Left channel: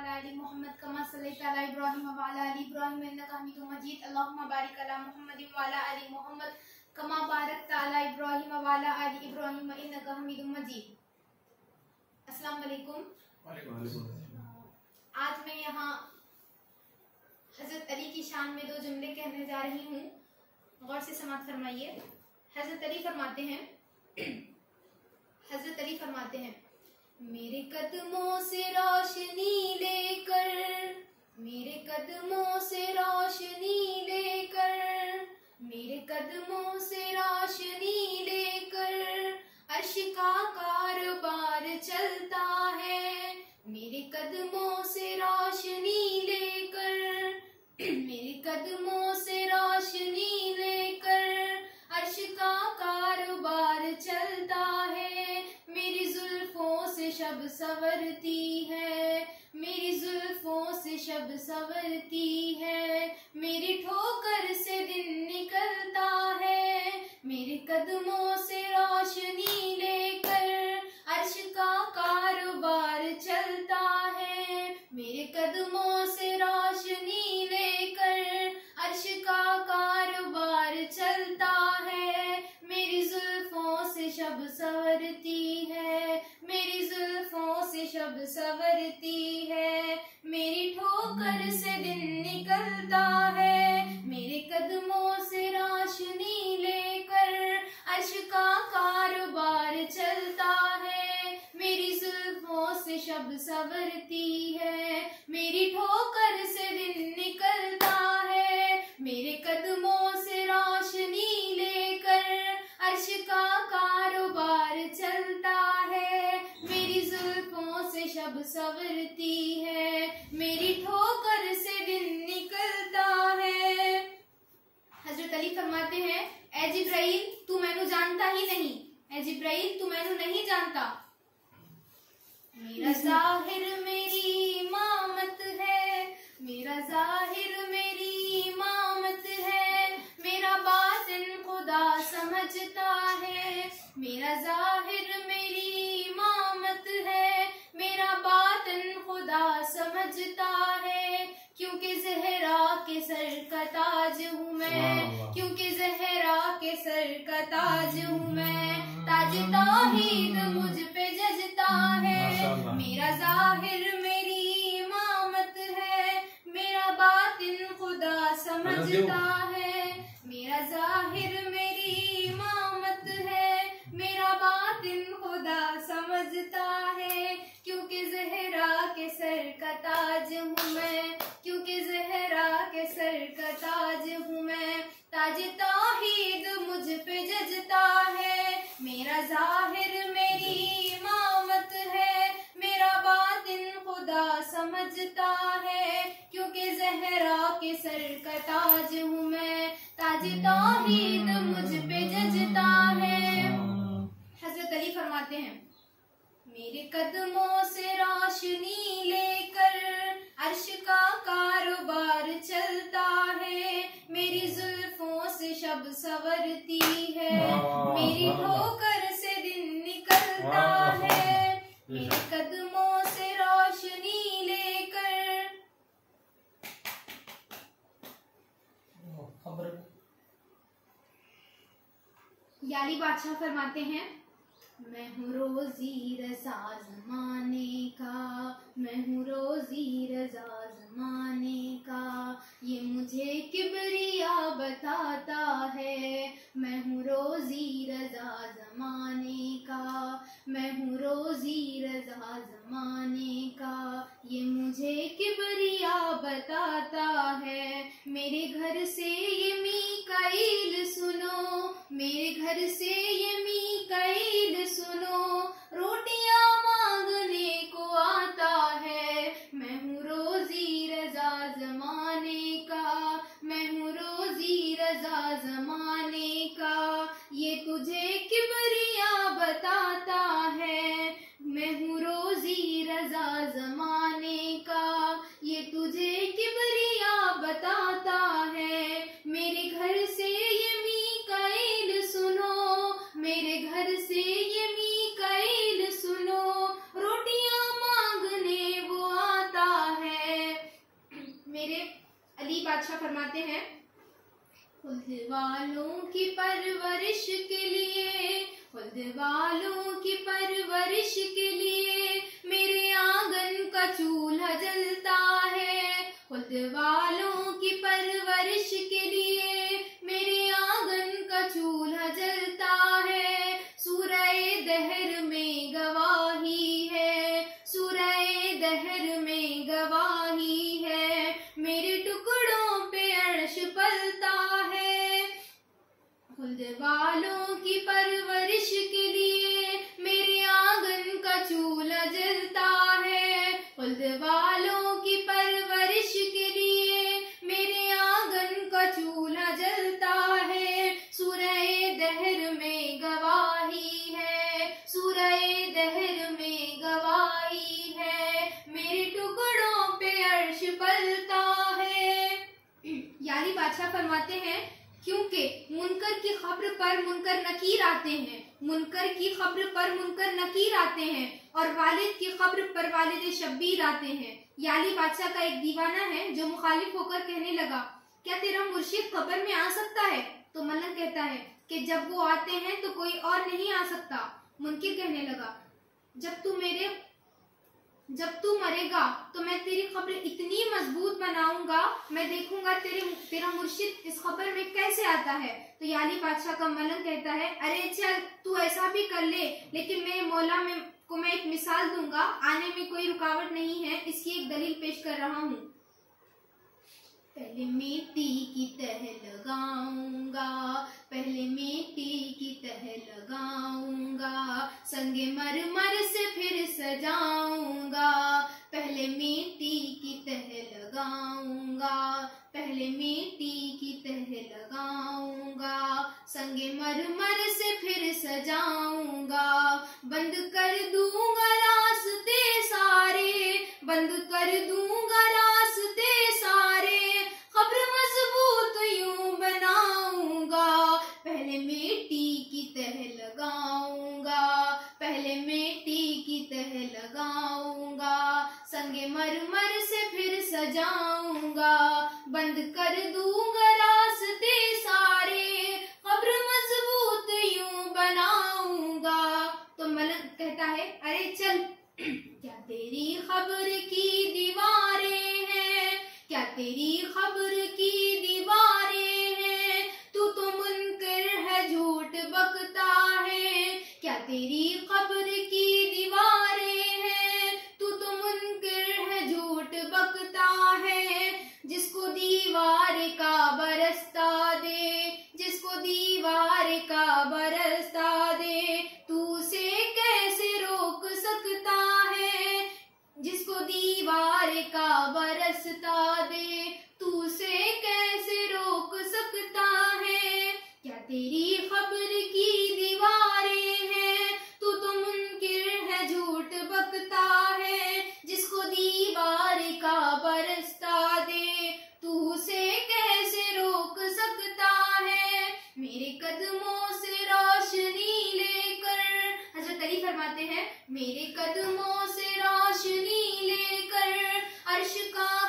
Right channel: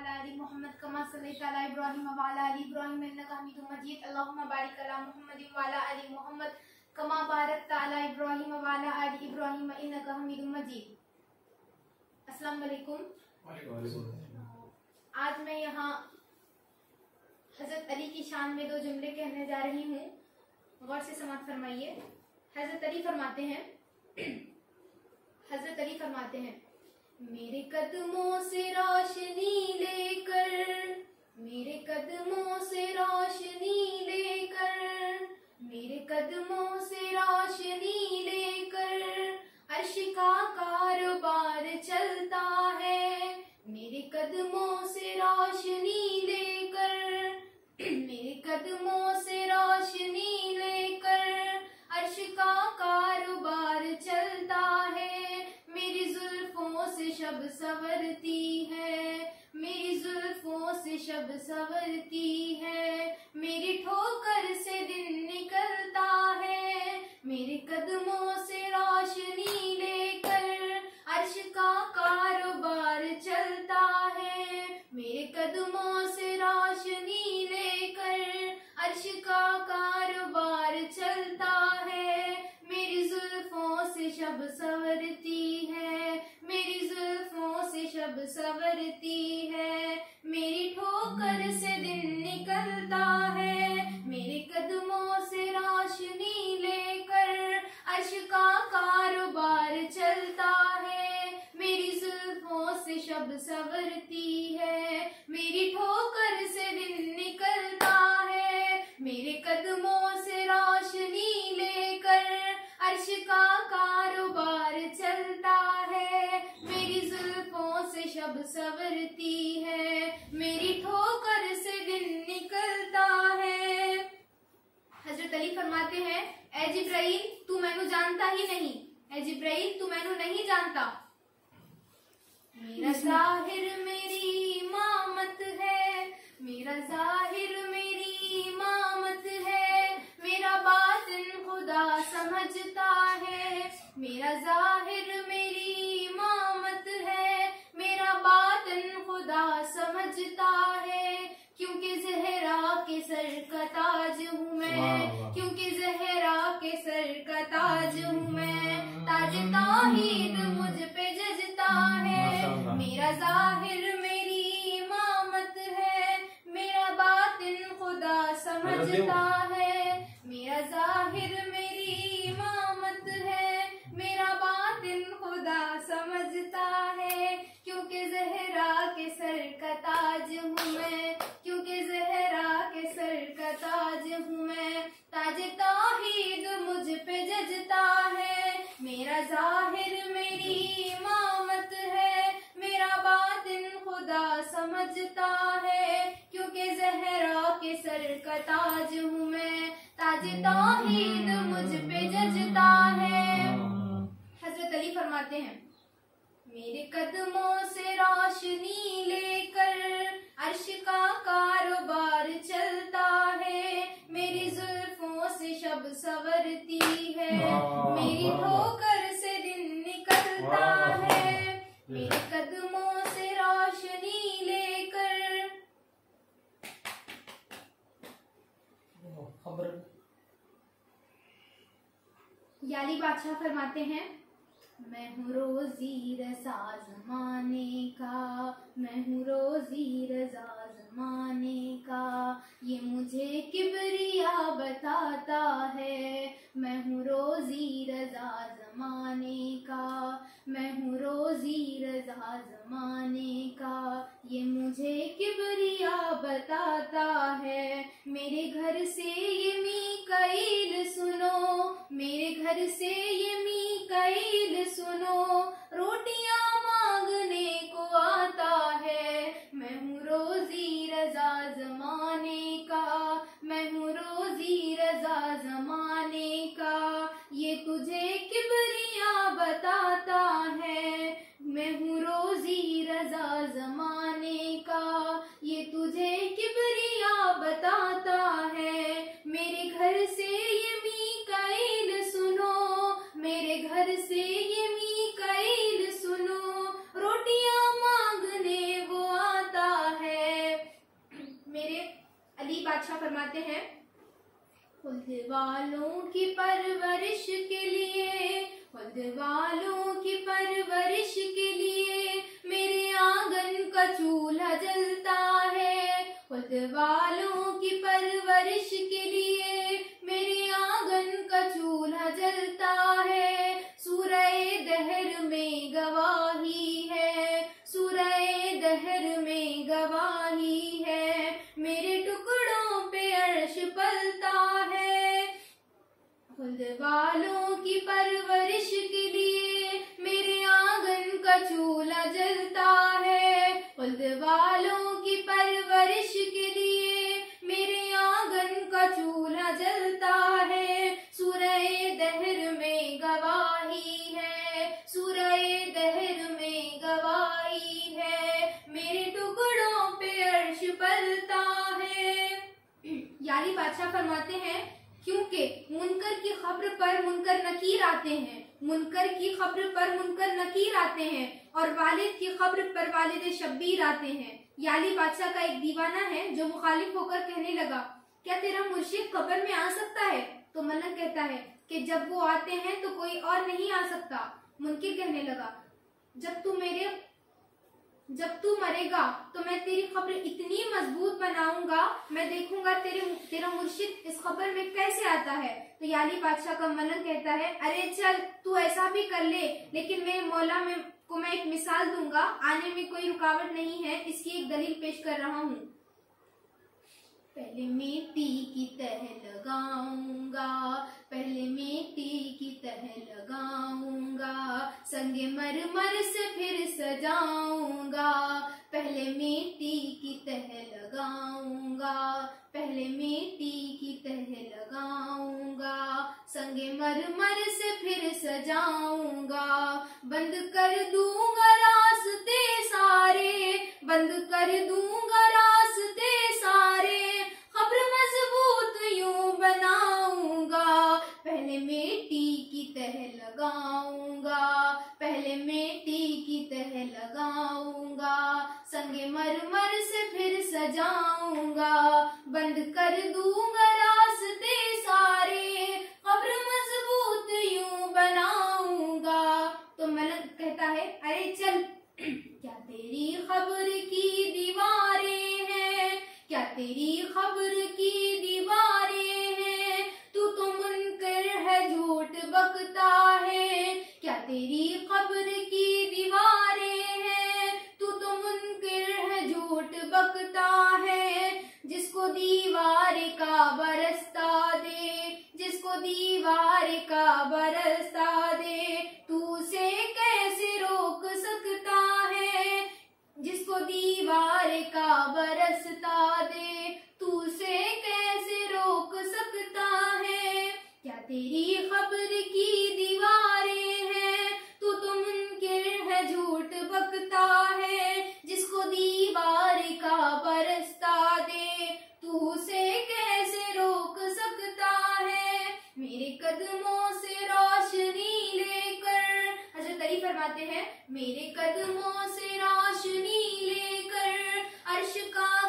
अला आलि मुहम्मद कमा सल्लैता अला इब्राहीम व अला आलि इब्राहीम इन्नका हमीदुम मजीद। अल्लाहुम्मा बारिक अला मुहम्मद व अला आलि मुहम्मद कमा बारकता अला इब्राहीम व अला आलि इब्राहीम इन्नका हमीदुम मजीद। अस्सलाम वालेकुम। आज मैं यहाँ हजरत अली की शान में दो जुमले कहने जा रही हूँ, गौर से समाअत फरमाइए। हजरत अली फरमाते हैं मेरे कदमों से रोशनी लेकर, मेरे कदमों से रोशनी लेकर, मेरे कदमों से रोशनी लेकर अर्श का कारोबार चलता है। मेरे कदमों से रोशनी लेकर, मेरे कदमों से रोशनी लेकर अर्श का कारोबार चलता है। मेरी जुल्फों से शब संवरती है, मेरी जुल्फों से शब संवरती है, मेरी ठोकर से दिन निकलता है। मेरे कदमों से रोशनी लेकर अर्श का कारोबार चलता है। मेरे कदमों से रोशनी लेकर अर्श का कारोबार चलता है। मेरी जुल्फों से शब संवरती है, मेरी जुल्फों से शब संवरती है, मेरी ठोकर से दिन निकलता है। मेरे कदमों से रोशनी लेकर अर्श का कारोबार चलता है। मेरी जुल्फों से शब संवरती है, मेरी ठोकर से दिन निकलता है। मेरे कदमों से रोशनी लेकर अर्श का कारोबार चलता है। मेरी जुल्फों से शब संवरती है, मेरी ठोकर से दिन निकलता है। हजरत अली फरमाते हैं, ए जिब्राइल तू मैनू जानता ही नहीं, ए जिब्राइल तू मैनू नहीं जानता। मेरा जाहिर मेरी इमामत है, मेरा जाहिर मेरी इमामत है, मेरा बातिन खुदा समझता है। मेरा जाहिर मेरी इमामत है, मेरा बातिन खुदा समझता है। क्योंकि ज़हरा के सर का ताज हूँ मैं, क्योंकि ज़हरा के सर का ताज हूँ मैं, ताज तौहीद मुझ पे जजता है। मेरा जाहिर मेरी इमामत है, मेरा बातिन खुदा समझता है। मेरा जाहिर मेरी इमामत है, मेरा बातिन खुदा समझता है। क्योंकि ज़हरा के सर का ताज हूँ मैं, क्योंकि ज़हरा के सर का ताज हूँ मैं, ताज तौहीद मुझ पे जजता है। मेरा जाहिर मेरी इमामत है, मेरा बातिन खुदा समझता है। क्योंकि ज़हरा के सर का ताज हूँ मैं, ताज तौहीद मुझ पे जजता है। हजरत अली फरमाते हैं मेरे कदमों से रोशनी लेकर अर्श का कारोबार चलता है। मेरी जुल्फों से शब संवरती है, मेरी ठोकर से दिन निकलता है। मेरे कदमों से रोशनी लेकर। याली बादशाह फरमाते हैं मैं हूँ रोज़ी रज़ा ज़माने का, मैं हूँ रोज़ी रज़ा ज़माने का, ये मुझे किबरिया बताता है। मैं हूँ रोज़ी रज़ा ज़माने का, मैं हूँ रोज़ी रज़ा ज़माने का, ये मुझे किबरिया बताता है। मेरे घर से ये मीकाईल सुनो, मेरे घर से ये मीकाईल सुनो, रोटियां मांगने को आता है। मैं हूँ रोज़ी रज़ा ज़माने का, मैं हूँ रोज़ी रज़ा ज़माने का, ये तुझे किबरिया बताता है। मैं हूँ रोज़ी रज़ा ज़माने का, ये तुझे किबरिया बताता है। मेरे घर से ये मीकाईल सुनो, मेरे घर से ये मीकाईल बादशाह फरमाते हैं, खुल्द वालों की परवरिश के लिए, खुल्द वालों की परवरिश के लिए मेरे आंगन का चूल्हा जलता है। खुल्द वालों की परवरिश के लिए मेरे आंगन का चूल्हा जलता है। सूरह दहर में गवाही है, सूरह दहर में गवाही है, मेरे टुकड़ों पे अर्श पलता है। खुल्द वालों की परवरिश के लिए मेरे आंगन का चूल्हा जलता है। खुल्द वालों की परवरिश के लिए मेरे आंगन का चूल्हा जलता है। सूरह दहर में गवाही है, सूरह दहर में गवाही है, मेरे टुकड़ों पे अर्श पलता है। यानी बादशाह फरमाते हैं, क्योंकि मुनकर की खबर पर मुनकर नकीर आते हैं, मुनकर की खबर पर मुनकर नकीर आते हैं, और वालिद की खबर पर वालिद शब्बीर आते हैं। याली बादशाह का एक दीवाना है जो मुखालिफ होकर कहने लगा, क्या तेरा मुर्शिद खबर में आ सकता है? तो मलक कहता है कि जब वो आते हैं तो कोई और नहीं आ सकता। मुनकिर कहने लगा, जब तू मरेगा तो मैं तेरी खबर इतनी मजबूत बनाऊंगा, मैं देखूंगा तेरा मुर्शिद इस खबर में कैसे आता है। तो याली बादशाह का मलक कहता है, अरे चल तू ऐसा भी कर ले, लेकिन मेरे मौला को मैं एक मिसाल दूंगा, आने में कोई रुकावट नहीं है, इसकी एक दलील पेश कर रहा हूँ। पहले मिट्टी की तह लगाऊंगा, पहले मिट्टी की तह लगाऊंगा, संगे मरमर से फिर सजाऊंगा। पहले मिट्टी की तह लगाऊंगा, पहले मिट्टी की तह लगाऊंगा, संगे मरमर से फिर सजाऊंगा। बंद कर दूंगा रास्ते सारे, बंद कर दूंगा रास्ते सारे, खबर मजबूत यूं बनाऊंगा। पहले मिट्टी की तह लगाऊंगा, पहले मिट्टी की तह लगाऊंगा, संगे मरमर से फिर सजाऊंगा। बंद कर दूंगा रास्ते सारे, खबर मजबूत यूं बनाऊंगा। तो मलक कहता है, अरे चल क्या तेरी खबर की दीवारें हैं, क्या तेरी खबर की दीवारें हैं, तू तो मुनकर है झूठ बकता है। क्या तेरी खबर की दीवारें हैं, तू तो मुनकर है झूठ बकता है। जिसको दीवार का बरसता दे, जिसको दीवार का बरसता दे, तू उसे कैसे रोक सकता है। जिसको दीवार का बरसता दे, तू उसे कैसे रोक सकता है। क्या तेरी खबर की दीवारें हैं, तू तो मुनकिर है झूठ बकता है। जिसको दीवार का बरसता दे, तू उसे कैसे रोक सकता है। मेरे कदमों से रोशनी लेकर, हज़रत अली फरमाते हैं, मेरे कदमों से रोशनी लेकर अर्श का